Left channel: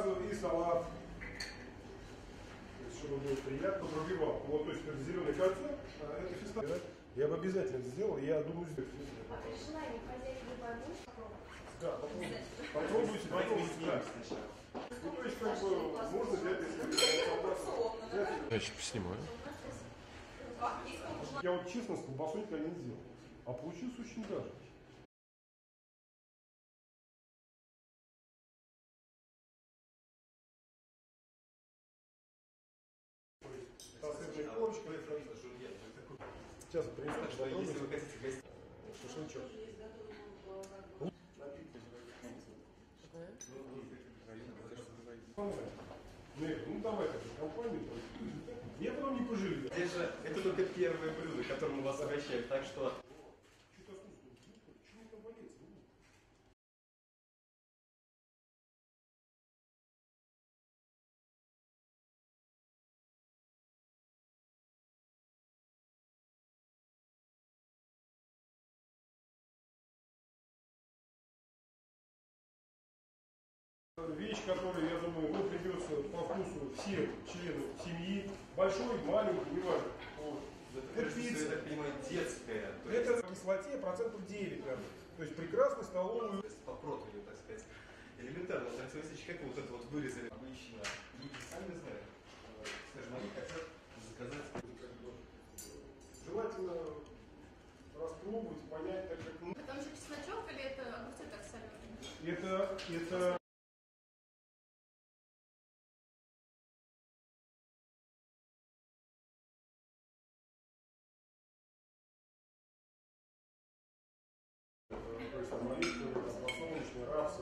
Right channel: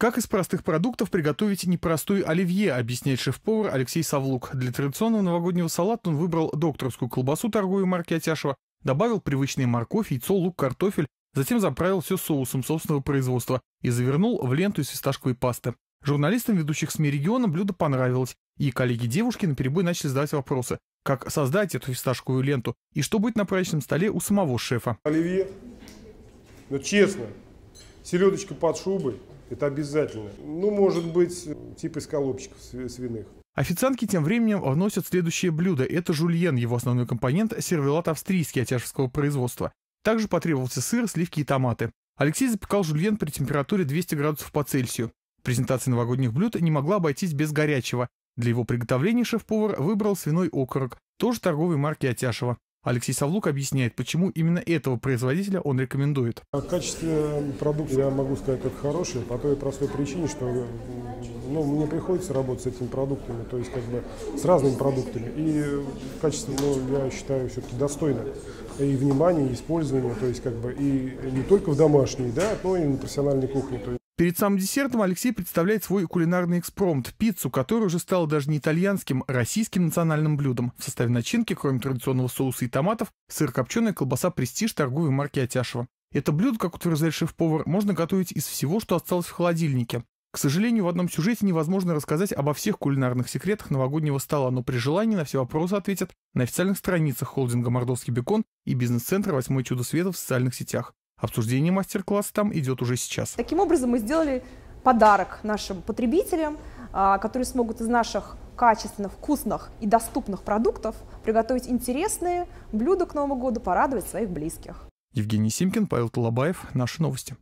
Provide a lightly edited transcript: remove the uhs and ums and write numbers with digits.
Как из простых продуктов приготовить непростой оливье, объясняет шеф-повар Алексей Савлук. Для традиционного новогоднего салата он выбрал докторскую колбасу торговой марки Атяшева, добавил привычные морковь, яйцо, лук, картофель, затем заправил все соусом собственного производства и завернул в ленту из фисташковой пасты. Журналистам ведущих СМИ региона блюдо понравилось, и коллеги девушки наперебой начали задавать вопросы, как создать эту фисташковую ленту и что будет на праздничном столе у самого шефа. Оливье, ну честно, селедочка под шубой. Это обязательно. Ну, может быть, типа из колобчиков свиных. Официантки тем временем вносят следующее блюдо. Это жульен, его основной компонент – сервелат австрийский атяшевского производства. Также потребовался сыр, сливки и томаты. Алексей запекал жульен при температуре 200 градусов по Цельсию. Презентация новогодних блюд не могла обойтись без горячего. Для его приготовления шеф-повар выбрал свиной окорок, тоже торговой марки Атяшева. Алексей Савлук объясняет, почему именно этого производителя он рекомендует. О качестве продукта я могу сказать, это хороший, по той простой причине, что мне приходится работать с этими продуктами, то есть как бы с разными продуктами. И качество, я считаю, все-таки достойно и внимания, и использования, то есть как бы и не только в домашней, да, но и на профессиональной кухне. Перед самым десертом Алексей представляет свой кулинарный экспромт – пиццу, которая уже стала даже не итальянским, а российским национальным блюдом. В составе начинки, кроме традиционного соуса и томатов, сыр, копченая колбаса «Престиж» торговой марки Атяшева. Это блюдо, как утверждает шеф-повар, можно готовить из всего, что осталось в холодильнике. К сожалению, в одном сюжете невозможно рассказать обо всех кулинарных секретах новогоднего стола, но при желании на все вопросы ответят на официальных страницах холдинга «Мордовский бекон» и бизнес-центра «Восьмое чудо света» в социальных сетях. Обсуждение мастер-класса там идет уже сейчас. Таким образом, мы сделали подарок нашим потребителям, которые смогут из наших качественных, вкусных и доступных продуктов приготовить интересные блюда к Новому году, порадовать своих близких. Евгений Симкин, Павел Толобаев. Наши новости.